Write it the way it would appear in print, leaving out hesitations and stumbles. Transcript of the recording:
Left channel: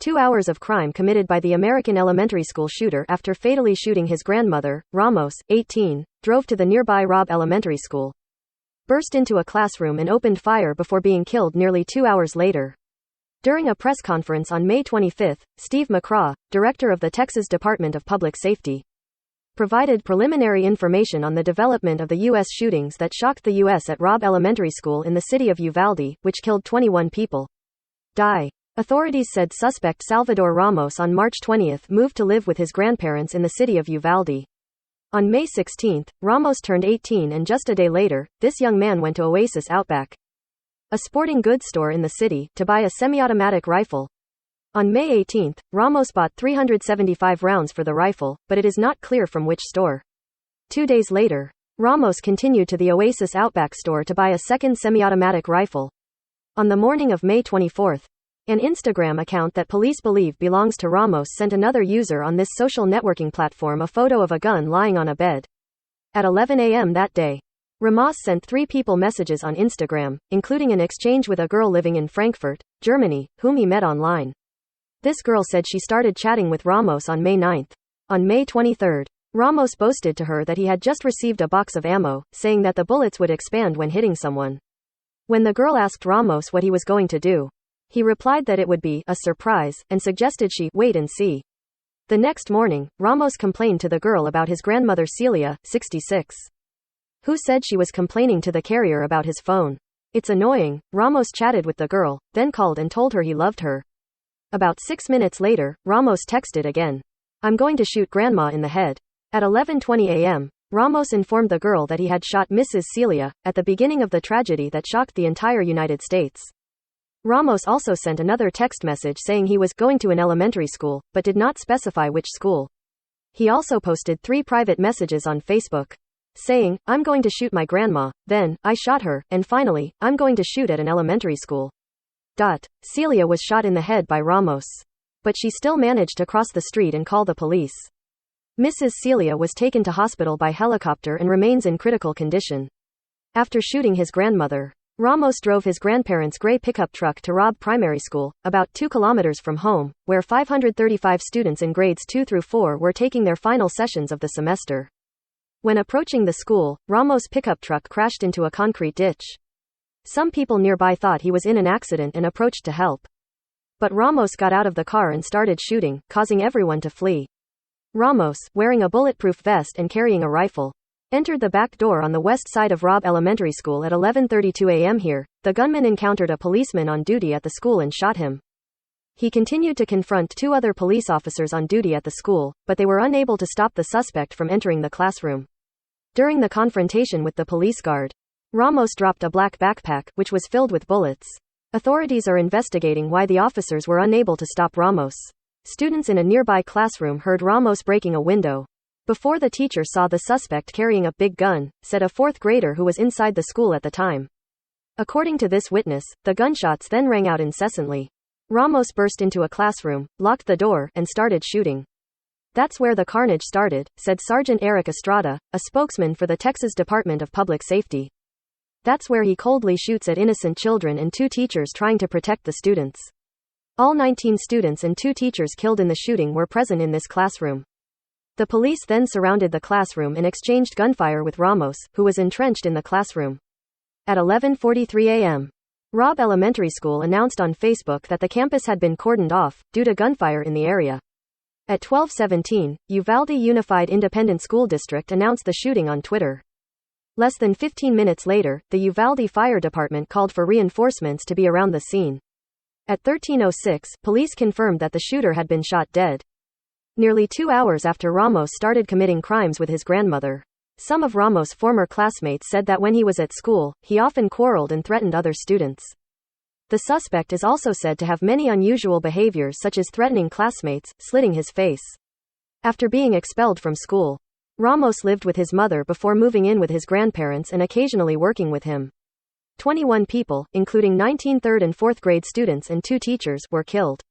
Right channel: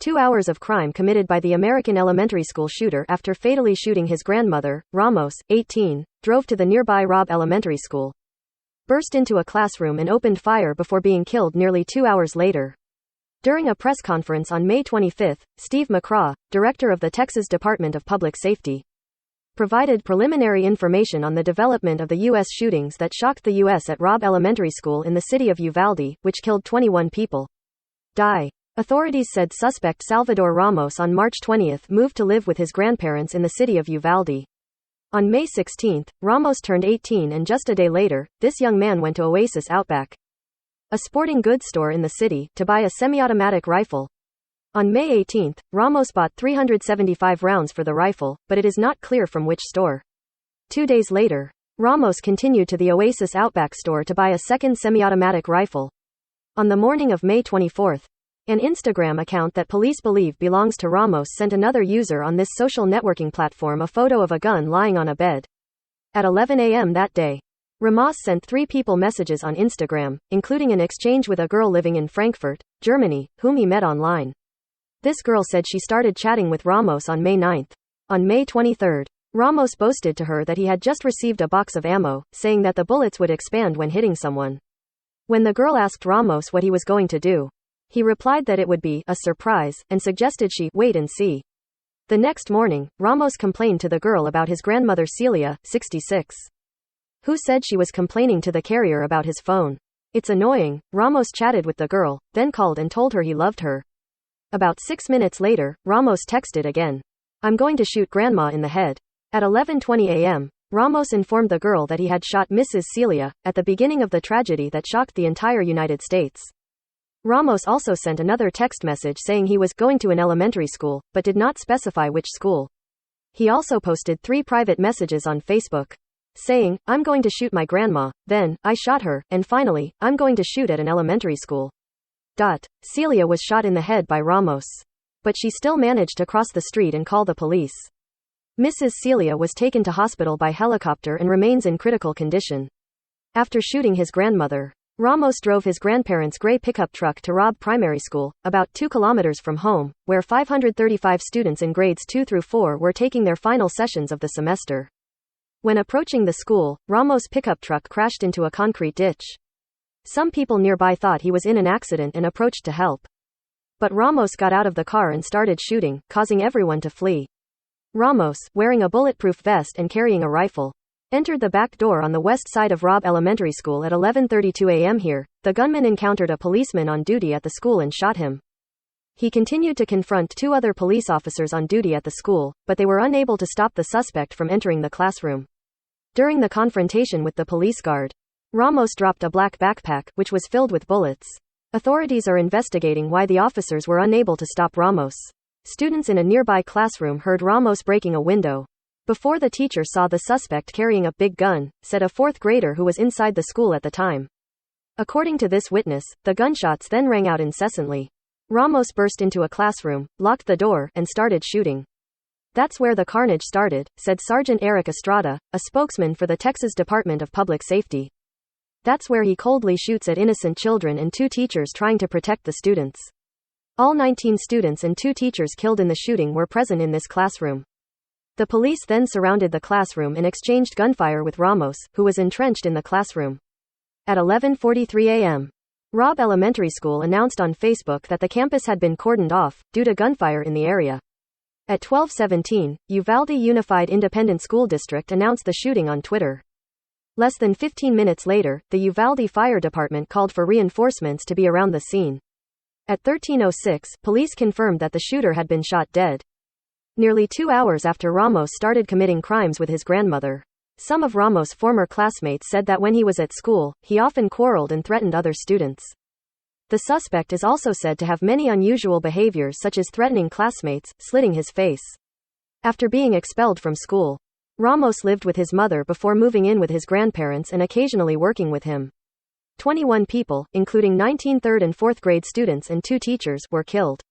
2 hours of crime committed by the American elementary school shooter after fatally shooting his grandmother. Ramos, 18, drove to the nearby Robb Elementary School, burst into a classroom and opened fire before being killed nearly 2 hours later. During a press conference on May 25, Steve McCraw, director of the Texas Department of Public Safety, provided preliminary information on the development of the U.S. shootings that shocked the U.S. at Robb Elementary School in the city of Uvalde, which killed 21 people. Authorities said suspect Salvador Ramos on March 20 moved to live with his grandparents in the city of Uvalde. On May 16, Ramos turned 18 and just a day later, this young man went to Oasis Outback, a sporting goods store in the city, to buy a semi-automatic rifle. On May 18, Ramos bought 375 rounds for the rifle, but it is not clear from which store. 2 days later, Ramos continued to the Oasis Outback store to buy a second semi-automatic rifle. On the morning of May 24, an Instagram account that police believe belongs to Ramos sent another user on this social networking platform a photo of a gun lying on a bed. At 11 a.m. that day, Ramos sent 3 people messages on Instagram, including an exchange with a girl living in Frankfurt, Germany, whom he met online. This girl said she started chatting with Ramos on May 9. On May 23, Ramos boasted to her that he had just received a box of ammo, saying that the bullets would expand when hitting someone. When the girl asked Ramos what he was going to do, he replied that it would be a surprise and suggested she wait and see. The next morning, Ramos complained to the girl about his grandmother Celia, 66, who said she was complaining to the carrier about his phone. It's annoying. Ramos chatted with the girl, then called and told her he loved her. About 6 minutes later, Ramos texted again. I'm going to shoot grandma in the head. At 11:20 a.m., Ramos informed the girl that he had shot Mrs. Celia, at the beginning of the tragedy that shocked the entire United States. Ramos also sent another text message saying he was going to an elementary school, but did not specify which school. He also posted 3 private messages on Facebook, saying, I'm going to shoot my grandma, then, I shot her, and finally, I'm going to shoot her elementary school. Celia was shot in the head by Ramos, but she still managed to cross the street and call the police. Mrs. Celia was taken to hospital by helicopter and remains in critical condition. After shooting his grandmother, Ramos drove his grandparents' gray pickup truck to Robb Primary School, about 2 kilometers from home, where 535 students in grades 2 through 4 were taking their final sessions of the semester. When approaching the school, Ramos' pickup truck crashed into a concrete ditch. Some people nearby thought he was in an accident and approached to help. But Ramos got out of the car and started shooting, causing everyone to flee. Ramos, wearing a bulletproof vest and carrying a rifle, entered the back door on the west side of Robb Elementary School at 11:32 a.m. Here, the gunman encountered a policeman on duty at the school and shot him. He continued to confront 2 other police officers on duty at the school, but they were unable to stop the suspect from entering the classroom. During the confrontation with the police guard, Ramos dropped a black backpack, which was filled with bullets. Authorities are investigating why the officers were unable to stop Ramos. Students in a nearby classroom heard Ramos breaking a window before the teacher saw the suspect carrying a big gun, said a 4th grader who was inside the school at the time. According to this witness, the gunshots then rang out incessantly. Ramos burst into a classroom, locked the door, and started shooting. That's where the carnage started, said Sergeant Eric Estrada, a spokesman for the Texas Department of Public Safety. That's where he coldly shoots at innocent children and 2 teachers trying to protect the students. All 19 students and 2 teachers killed in the shooting were present in this classroom. The police then surrounded the classroom and exchanged gunfire with Ramos, who was entrenched in the classroom. At 11:43 a.m., Robb Elementary School announced on Facebook that the campus had been cordoned off due to gunfire in the area. At 12:17, Uvalde Unified Independent School District announced the shooting on Twitter. Less than 15 minutes later, the Uvalde Fire Department called for reinforcements to be around the scene. At 13:06, police confirmed that the shooter had been shot dead. Nearly 2 hours after Ramos started committing crimes with his grandmother, some of Ramos' former classmates said that when he was at school, he often quarreled and threatened other students. The suspect is also said to have many unusual behaviors, such as threatening classmates, slitting his face. After being expelled from school, Ramos lived with his mother before moving in with his grandparents and occasionally working with him. 21 people, including 19 3rd and 4th grade students and 2 teachers, were killed.